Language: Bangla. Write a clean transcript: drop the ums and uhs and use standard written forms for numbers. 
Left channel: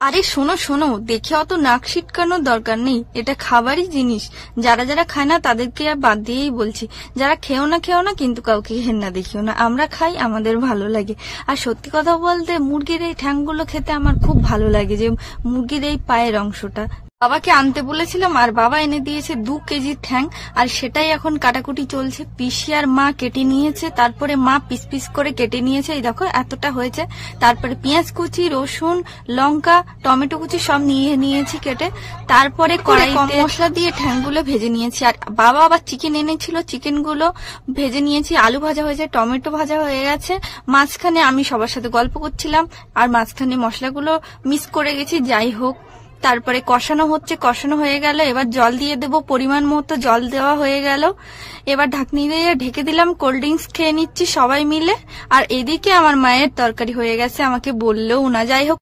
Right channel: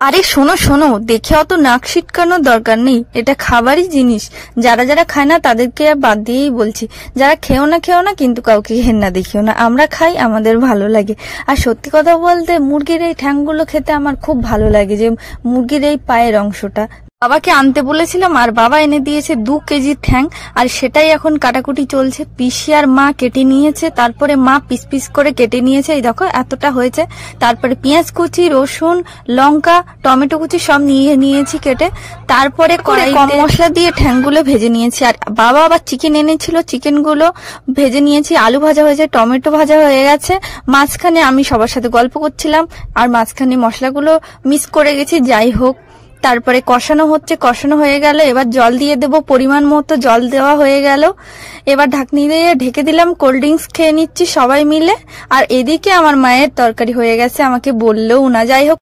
আরে শোনো শোনো, দেখে অত নাক সিটকানোর দরকার নেই। এটা খাবারই জিনিস। যারা যারা খায় না তাদেরকে বাদ দিয়েই বলছি, যারা খেও না কিন্তু কাউকে ঘেন্না দেখিও না। আমরা খাই, আমাদের ভালো লাগে। আর সত্যি কথা বলতে মুরগির এই ঠ্যাংগুলো খেতে আমার খুব ভালো লাগে, যে মুরগির এই পায়ের অংশটা। বাবাকে আনতে বলেছিলাম আর বাবা এনে দিয়েছে 2 কেজি ঠ্যাং, আর সেটাই এখন কাটাকুটি চলছে। পিসি আর মা কেটে নিয়েছে, তারপরে মা পিস পিস করে কেটে নিয়েছে। এই দেখো এতটা হয়েছে। তারপরে পেঁয়াজ কুচি, রসুন, লঙ্কা, টমেটো কুচি সব নিয়ে নিয়েছি কেটে। তারপরে কড়াই কম মশলা দিয়ে ঠ্যাংগুলো ভেজে নিয়েছি। আর বাবা আবার চিকেন এনেছিল, চিকেনগুলো ভেজে নিয়েছি। আলু ভাজা হয়েছে, টমেটো ভাজা হয়ে গেছে। মাঝখানে আমি সবার সাথে গল্প করছিলাম আর মাঝখানে মশলাগুলো মিক্স করে গেছি। যাই হোক, তারপরে কষানো হচ্ছে, কষানো হয়ে গেল। এবার জল দিয়ে দেবো, পরিমাণ মতো জল দেওয়া হয়ে গেল। এবার ঢাকনি দিয়ে ঢেকে দিলাম। কোল্ড ড্রিঙ্কস খেয়ে নিচ্ছি সবাই মিলে। আর এদিকে আমার মায়ের তরকারি হয়ে গেছে, আমাকে বললেও না। যাই হোক।